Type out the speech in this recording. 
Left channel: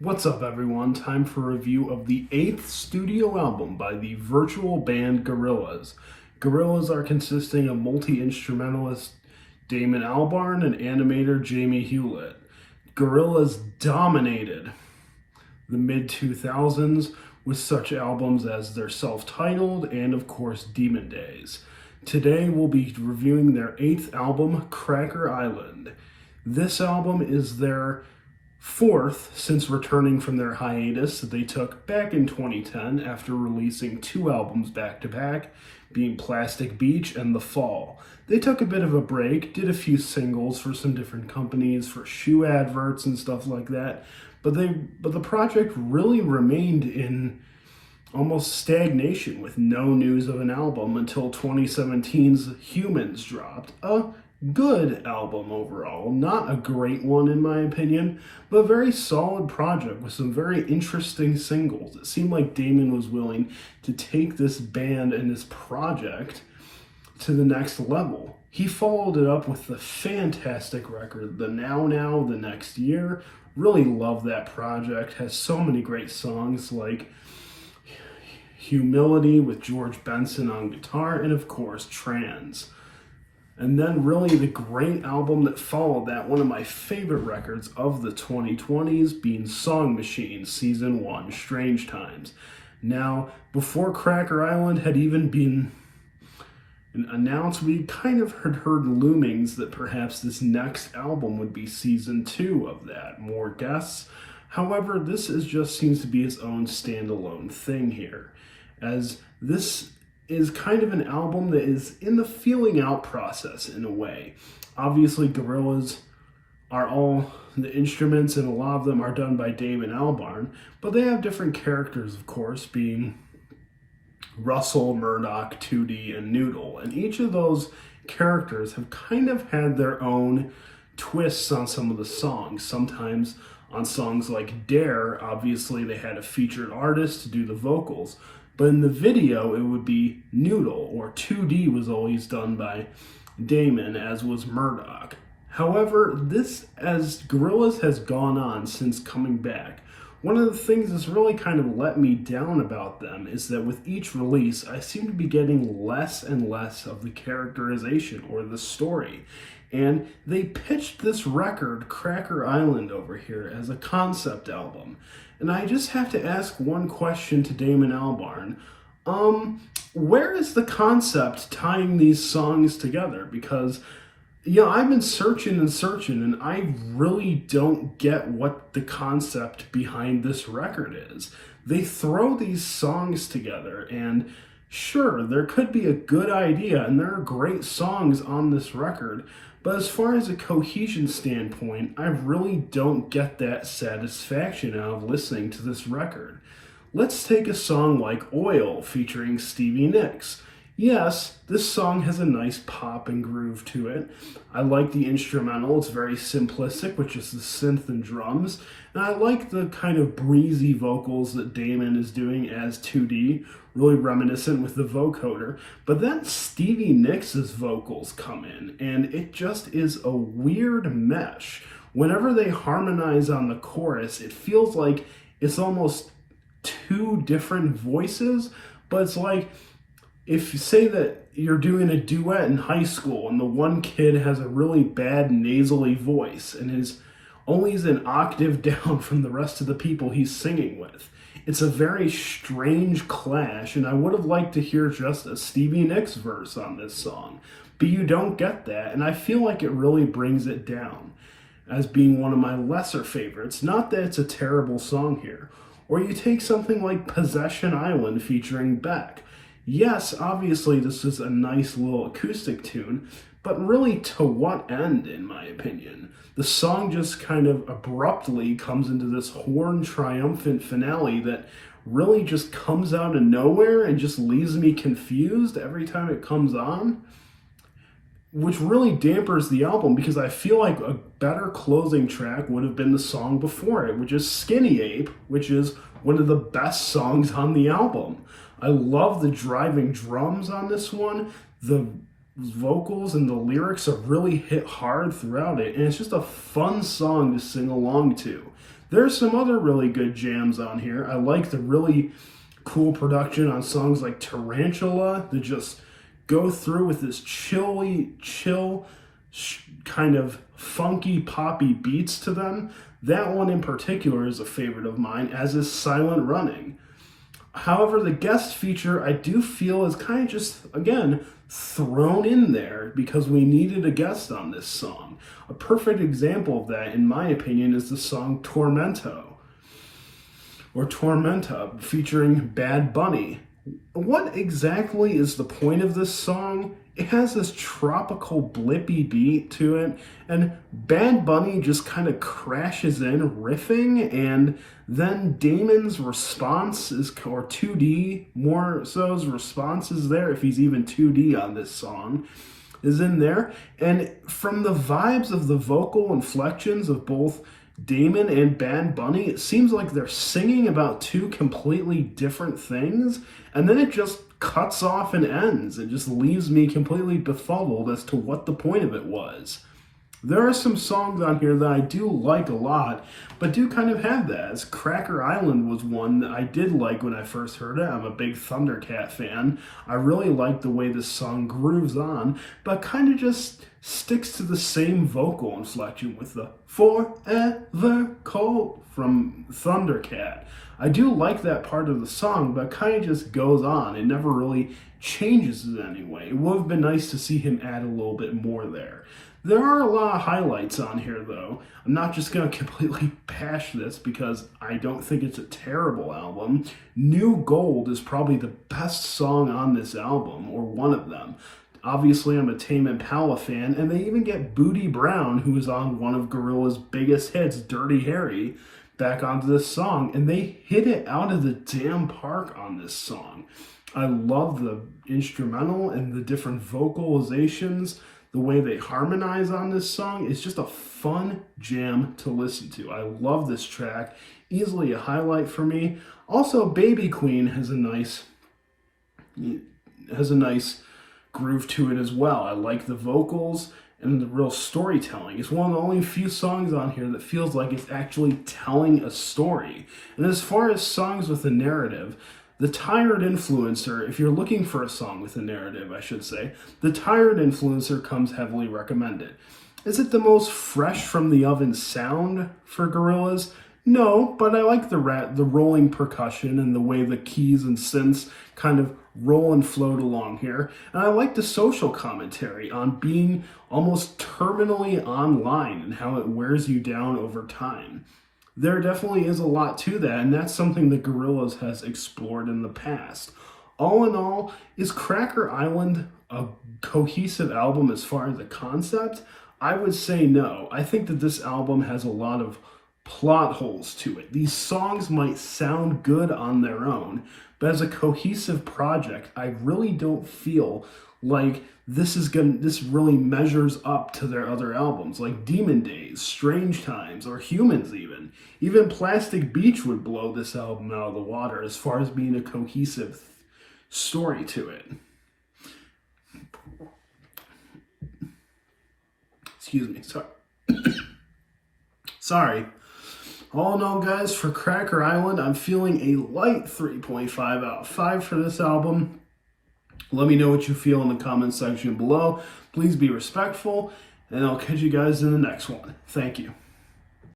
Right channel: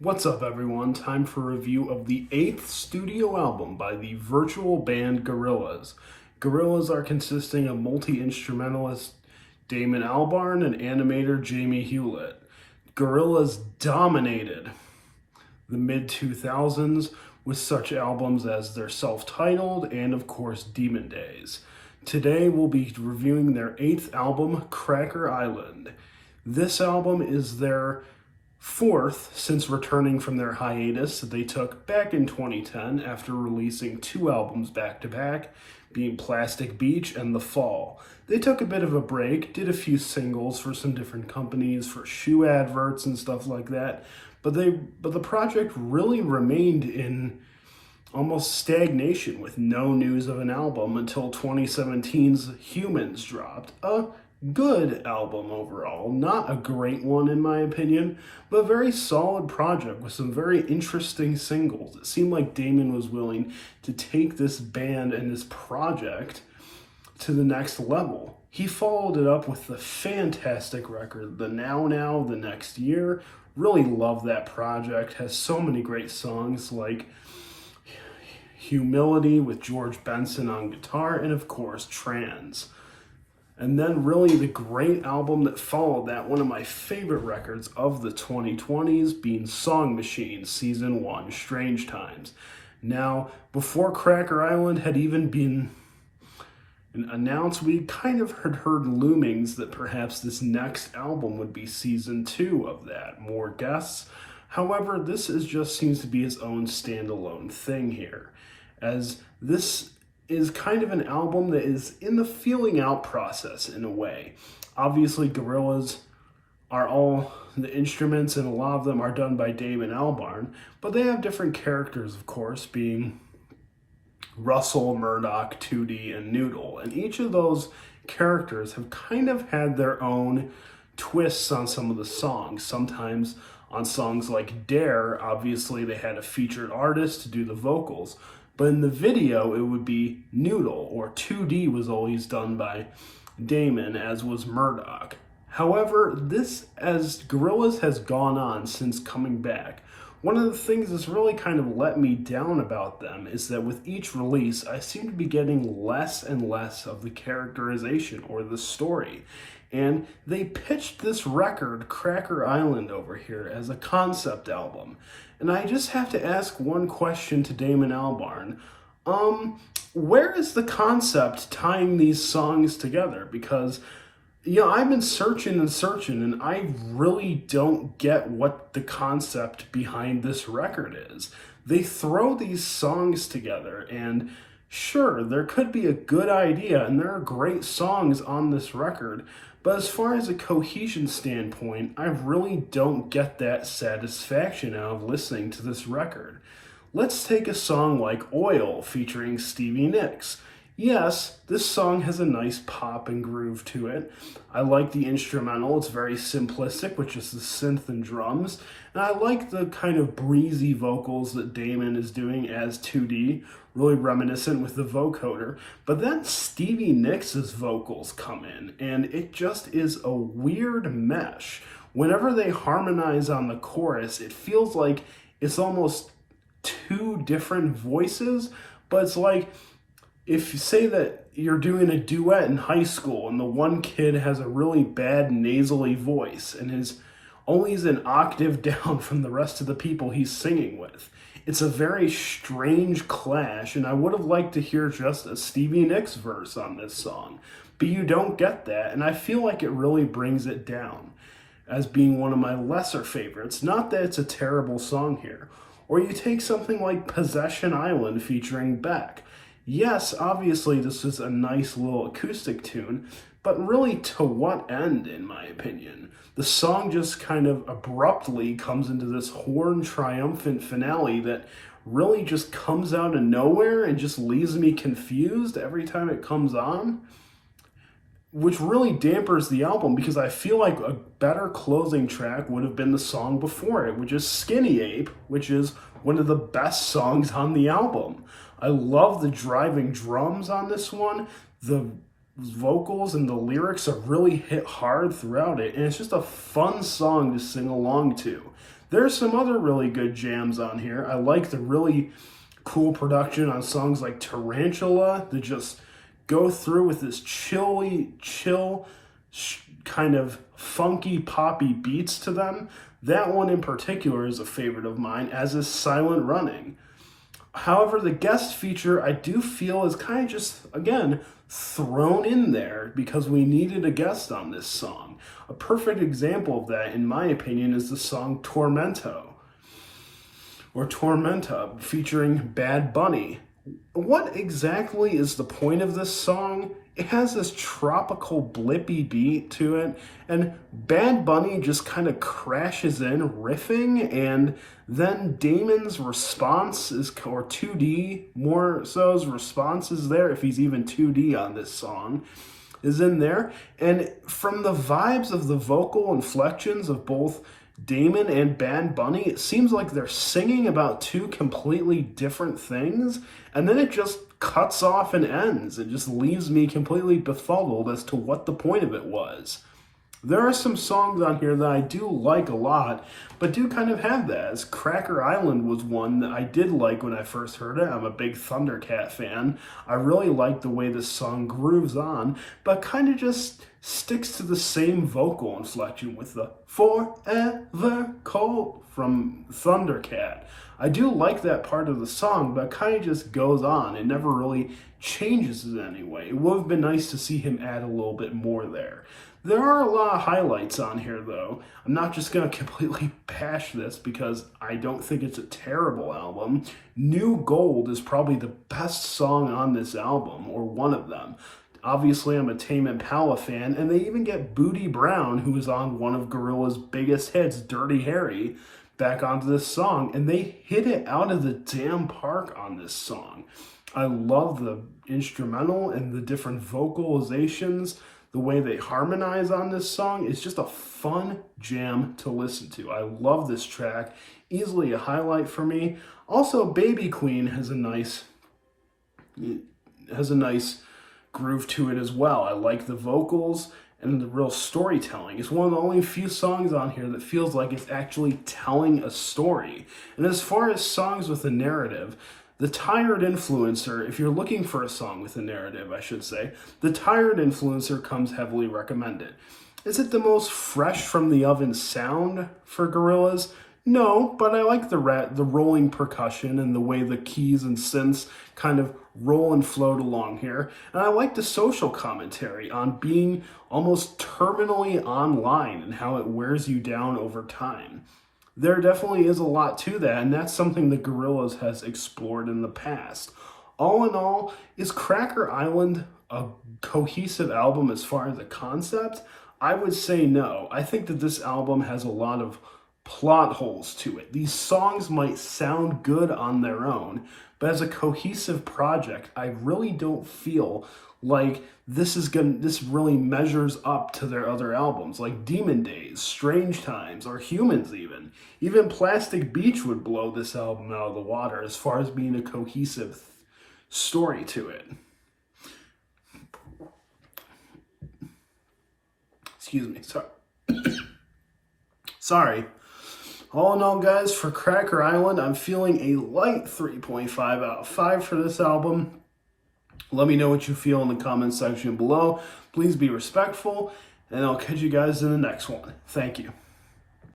What's up, everyone? Time for a review of the 8th studio album by the virtual band Gorillaz. Gorillaz are consisting of multi-instrumentalist Damon Albarn and animator Jamie Hewlett. Gorillaz dominated the mid-2000s with such albums as their self-titled and, of course, Demon Days. Today we'll be reviewing their 8th album, Cracker Island. This album is their 4th since returning from their hiatus that they took back in 2010 after releasing 2 albums back-to-back, being Plastic Beach and The Fall. They took a bit of a break, did a few singles for some different companies, for shoe adverts and stuff like that, but the project really remained in almost stagnation with no news of an album until 2017's Humans dropped. A good album overall, not a great one in my opinion, but a very solid project with some very interesting singles. It seemed like Damon was willing to take this band and this project to the next level. He followed it up with the fantastic record, the Now the Next Year. Really love that project. Has so many great songs like Humility with George Benson on guitar, and of course Trans. And then really the great album that followed that, one of my favorite records of the 2020s, being Song Machine Season 1, Strange Times. Now, before Cracker Island had even been announced, we kind of had heard loomings that perhaps this next album would be Season 2 of that, more guests. However, this seems to be its own standalone thing here, as this is kind of an album that is in the feeling out process in a way. Obviously, Gorillaz are all the instruments, and a lot of them are done by Damon Albarn, but they have different characters, of course, being Russell, Murdoc, 2D, and Noodle. And each of those characters have kind of had their own twists on some of the songs. Sometimes on songs like Dare, obviously they had a featured artist to do the vocals. But in the video, it would be Noodle, or 2D was always done by Damon, as was Murdoc. However, as Gorillaz has gone on since coming back, one of the things that's really kind of let me down about them is that with each release, I seem to be getting less and less of the characterization or the story. And they pitched this record, Cracker Island, over here as a concept album. And I just have to ask one question to Damon Albarn. Where is the concept tying these songs together? Because, I've been searching and I really don't get what the concept behind this record is. They throw these songs together, and sure, there could be a good idea, and there are great songs on this record, but as far as a cohesion standpoint, I really don't get that satisfaction out of listening to this record. Let's take a song like Oil featuring Stevie Nicks. Yes, this song has a nice pop and groove to it. I like the instrumental. It's very simplistic, with just the synth and drums. And I like the kind of breezy vocals that Damon is doing as 2D, really reminiscent with the vocoder. But then Stevie Nicks' vocals come in, and it just is a weird mesh. Whenever they harmonize on the chorus, it feels like it's almost 2 different voices, but it's like, if you say that you're doing a duet in high school and the one kid has a really bad nasally voice and is an octave down from the rest of the people he's singing with. It's a very strange clash, and I would have liked to hear just a Stevie Nicks verse on this song, but you don't get that, and I feel like it really brings it down as being one of my lesser favorites. Not that it's a terrible song here. Or you take something like Possession Island featuring Beck. Yes, obviously this is a nice little acoustic tune, but really to what end, in my opinion? The song just kind of abruptly comes into this horn triumphant finale that really just comes out of nowhere and just leaves me confused every time it comes on, which really dampers the album, because I feel like a better closing track would have been the song before it, which is Skinny Ape, which is one of the best songs on the album. I love the driving drums on this one. The vocals and the lyrics are really hit hard throughout it, and it's just a fun song to sing along to. There's some other really good jams on here. I like the really cool production on songs like Tarantula that just go through with this chill, kind of funky, poppy beats to them. That one in particular is a favorite of mine, as is Silent Running. However, the guest feature I do feel is kind of just, again, thrown in there because we needed a guest on this song. A perfect example of that, in my opinion, is the song Tormenta featuring Bad Bunny. What exactly is the point of this song? It has this tropical blippy beat to it, and Bad Bunny just kind of crashes in riffing, and then Damon's response is, or 2D more so's response is there, if he's even 2D on this song, is in there. And from the vibes of the vocal inflections of both Damon and Bad Bunny, it seems like they're singing about two completely different things, and then it just cuts off and ends. It just leaves me completely befuddled as to what the point of it was. There are some songs on here that I do like a lot, but do kind of have that. As Cracker Island was one that I did like when I first heard it. I'm a big Thundercat fan. I really like the way this song grooves on, but kind of just sticks to the same vocal inflection with the Forever Cold from Thundercat. I do like that part of the song, but it kind of just goes on. It never really changes in any way. It would have been nice to see him add a little bit more there. There are a lot of highlights on here, though. I'm not just going to completely bash this because I don't think it's a terrible album. New Gold is probably the best song on this album, or one of them. Obviously, I'm a Tame Impala fan, and they even get Bootie Brown, who is on one of Gorillaz' biggest hits, Dirty Harry, back onto this song, and they hit it out of the damn park on this song. I love the instrumental and the different vocalizations. The way they harmonize on this song is just a fun jam to listen to. I love this track. Easily a highlight for me. Also, Baby Queen has a nice groove to it as well. I like the vocals and the real storytelling. It's one of the only few songs on here that feels like it's actually telling a story. And as far as songs with a narrative, The Tired Influencer, if you're looking for a song with a narrative, I should say, The Tired Influencer comes heavily recommended. Is it the most fresh from the oven sound for Gorillaz? No, but I like the rolling percussion and the way the keys and synths kind of roll and float along here. And I like the social commentary on being almost terminally online and how it wears you down over time. There definitely is a lot to that, and that's something that Gorillaz has explored in the past. All in all, is Cracker Island a cohesive album as far as the concept? I would say no. I think that this album has a lot of plot holes to it. These songs might sound good on their own, but as a cohesive project, I really don't feel like this really measures up to their other albums, like Demon Days, Strange Times, or Humans even. Even Plastic Beach would blow this album out of the water as far as being a cohesive story to it. Excuse me, sorry. Sorry. All in all, guys, for Cracker Island, I'm feeling a light 3.5 out of 5 for this album. Let me know what you feel in the comments section below. Please be respectful, and I'll catch you guys in the next one. Thank you.